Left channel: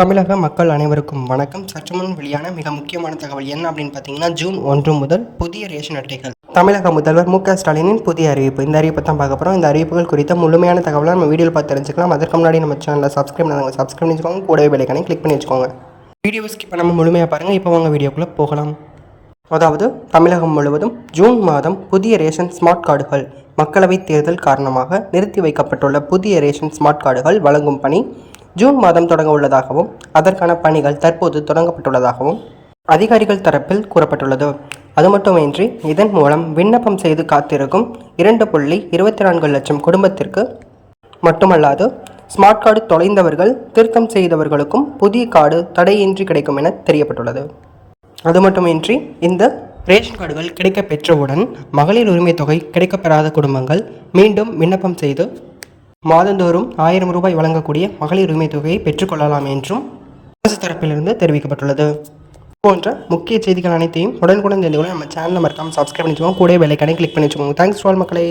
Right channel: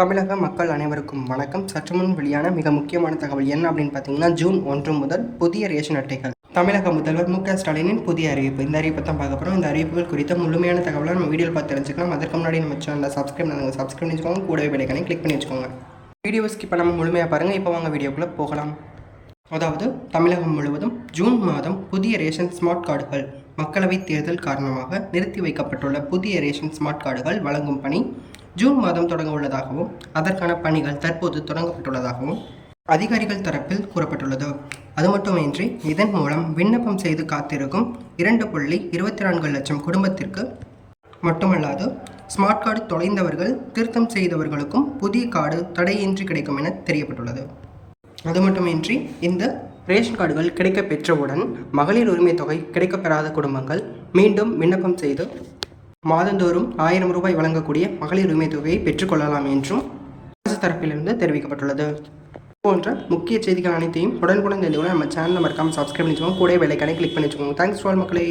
தமிழக மக்கள் அனைவருக்கும் வணக்கம். சற்று முன் வெளியான மிக முக்கியமான தகவல் என்ன அப்படின்னு பார்த்தீங்கன்னா, ஜூன் 1 முதல் புதிய ரேஷன் அட்டைகள். தமிழக முதல்வர் மு.க. ஸ்டாலினின் புதிய அறிவிப்பு. இந்த அறிவிப்பை தான் பார்க்க போகிறோம். இந்த அறிவிப்புகள் குறித்த முழுமையான தகவலை நம்ம வீடியோவில் பார்த்து தெரிஞ்சுக்கலாம். அதற்கு முன்னாடி நம்ம சேனலில் சப்ஸ்கிரைப் பண்ணி வச்சுக்கோங்க. கூடவே பெல் ஐகானை கிளிக் பண்ணி வச்சுக்கோங்க. வீடியோ ஸ்கிப் பண்ணாமல் முழுமையாக பாருங்கள். இப்போ வாங்க வீடியோக்குள்ளே போகலாம். அதாவது தமிழகம் முழுவதும் ஜூன் மாதம் புதிய ரேஷன் ஸ்மார்ட் கார்டுகள். மக்களவைத் தேர்தல் காரணமாக நிறுத்தி வைக்கப்பட்டுள்ள புதிய ரேஷன் ஸ்மார்ட் கார்டுகள் வழங்கும் பணி ஜூன் மாதம் தொடங்க உள்ளதாகவும் அதற்கான பணிகள் தற்போது தொடங்கப்பட்டுள்ளதாகவும் அதிகாரிகள் தரப்பில் கூறப்பட்டுள்ளது. அது மட்டுமின்றி இதன் மூலம் விண்ணப்பம் செய்து காத்திருக்கும் 2.24 லட்சம் குடும்பத்திற்கு மட்டுமல்லாது ஸ்மார்ட் கார்டு தொலைந்தவர்கள், திருத்தம் செய்தவர்களுக்கும் புதிய கார்டு தடையின்றி கிடைக்கும் என தெரியப்பட்டுள்ளது. அது மட்டுமின்றி இந்த ரேஷன் கார்டுகள் கிடைக்க பெற்றவுடன் மகளிர் உரிமை தொகை கிடைக்கப்பெறாத குடும்பங்கள் மீண்டும் விண்ணப்பம் செய்து மாதந்தோறும் 1000 ரூபாய் வழங்கக்கூடிய மகளிர் உரிமை தொகையை பெற்றுக்கொள்ளலாம் என்றும் அரசு தரப்பிலிருந்து தெரிவிக்கப்பட்டுள்ளது. போன்ற முக்கிய செய்திகள் அனைத்தையும் உடனுக்குடன் தெரிந்து கொள்ள நம்ம சேனலை மறக்காமல் சப்ஸ்கிரைப் பண்ணி வச்சுக்கோங்க. கூட பெல் ஐகானை கிளிக் பண்ணி வச்சுக்கோங்க. தேங்க்ஸ் ஃபார் மக்களே.